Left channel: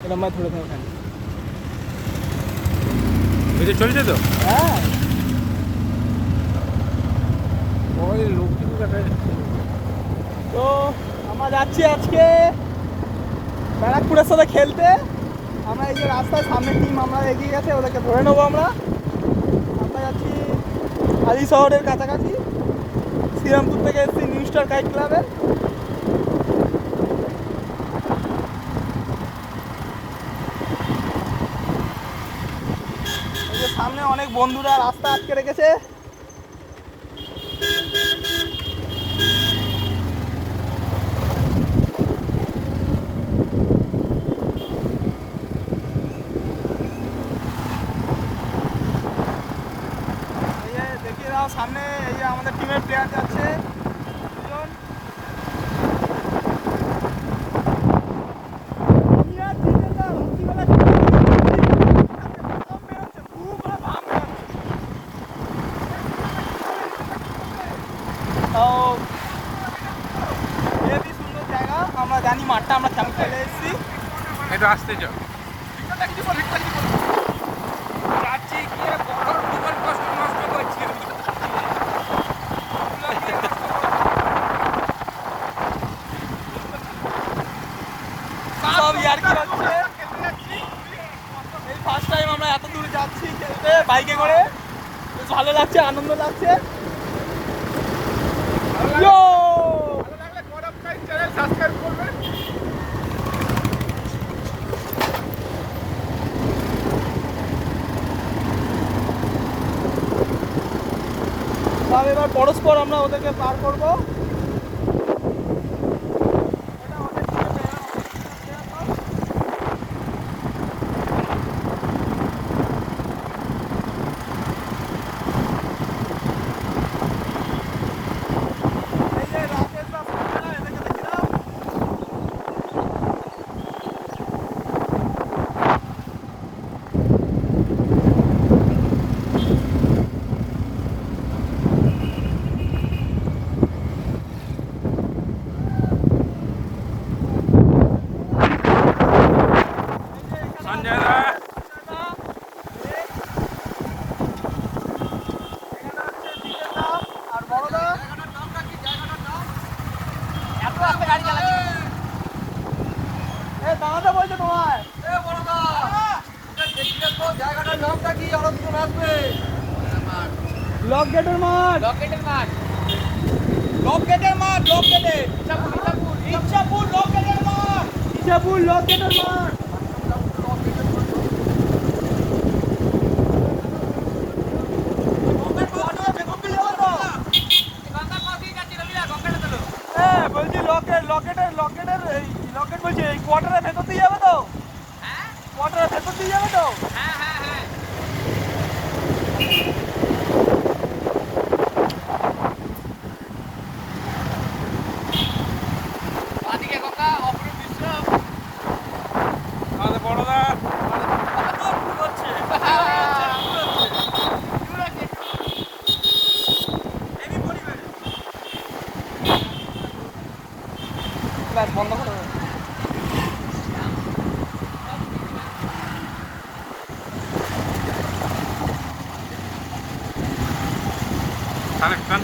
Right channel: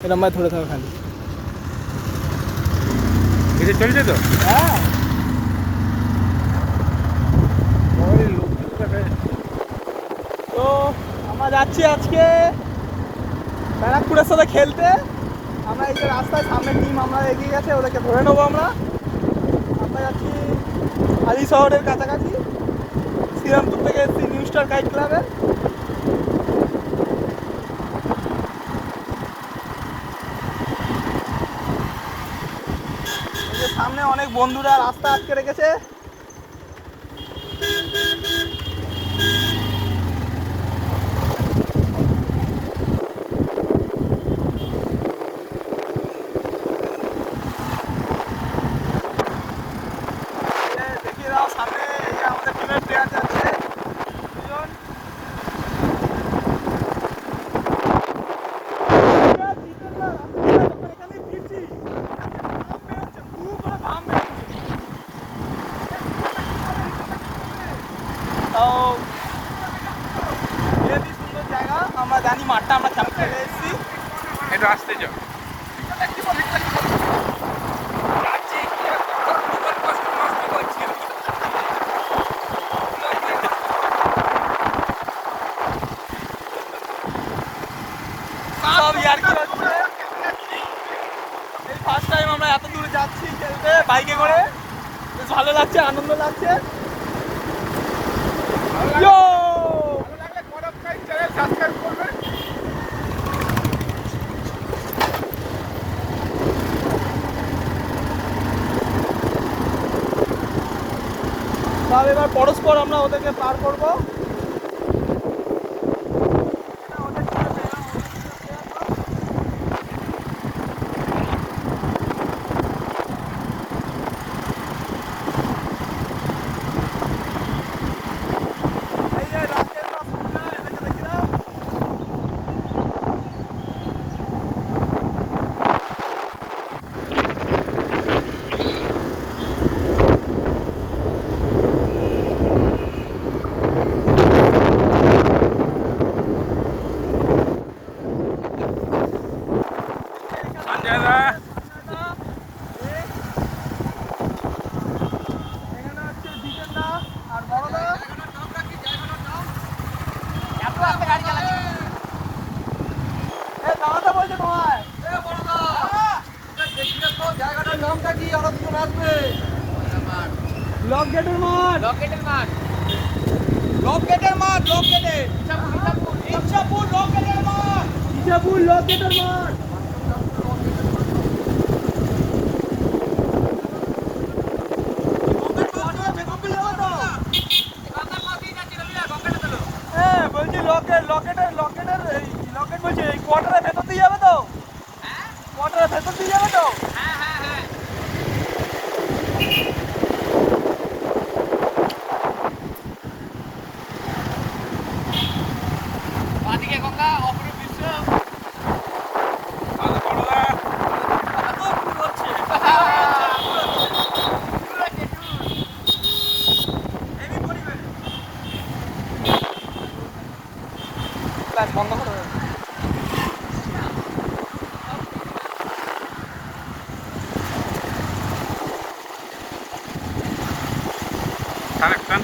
এরকম ভাবে ধরে থাকো খালি। এটা চলছে তো? হ্যাঁ লোকজন দেখা যাচ্ছে। তো আমরা যাচ্ছি আজকে ব্যারাকপুরের সাথে খেলতে। আমরা এই যে রাস্তায় সামনে টিম আমরা এগিয়ে গেছে, ওদেরকে ধরে নেবো আমরা। আমরা যাচ্ছি হালি শহরের কাছাকাছি, শ্রীরামপুর থেকে এসেছি নিউ স্টার কাইট ক্লাবে। এই যে সামনে অনেক বন্ধুরা রাস্তা আটকে রেখেছে। দেখিয়ে দাও সামনে, এই যে আমাদের টিমের প্লেয়ার যাচ্ছে দুজন। তাও হেবি সুন্দর জায়গা, আমরা জানি মাঠটা আমরা কেমন খেলে এসেছি। একটু আসতে যাও। যাচ্ছি কি আর তোর মতন কষ্ট নষ্ট করছি। সব ইয়ার্কি হচ্ছে। এই ফার্স্ট টাইম আমরা এত দূরে যাচ্ছি খেলতে বাইকে করে, বেশ ভালো লাগছে, আনন্দ লাগছে। ইয়ো ভালো লাগলে গরম চাই চ্যানেল সাবস্ক্রাইব করবেন। সব এবার পরস্পর আমরা ওদেরকে পার করবো। এই যে রাস্তার রাস্তা, এটাকে দেখে দাও। সঞ্জয় দা আর বড়দা এত রাস্তা গাড়ি চালাচ্ছি, এই দাঁড়াতে বলছো তোমায়। জায়গাটার নামটা কি আরো দুজন আসবে? ব্লক গেটের মাঠ, লকেটের মাঠ। ব্লক গেটের মাঠ, ব্লক গেটে ইচ্ছাপুর লকেটের মাঠ। ইসাপুর ব্লক গেটের মাঠ। হ্যাঁ বলছি লকেটের এই লকেট বলছি এই কোয়ার্টারের ভেতর দিয়ে যাবে তো? কোয়ার্টারের ভেতর দিয়ে যাবে তো? বড়দা বন্ধ করো। কানেকশন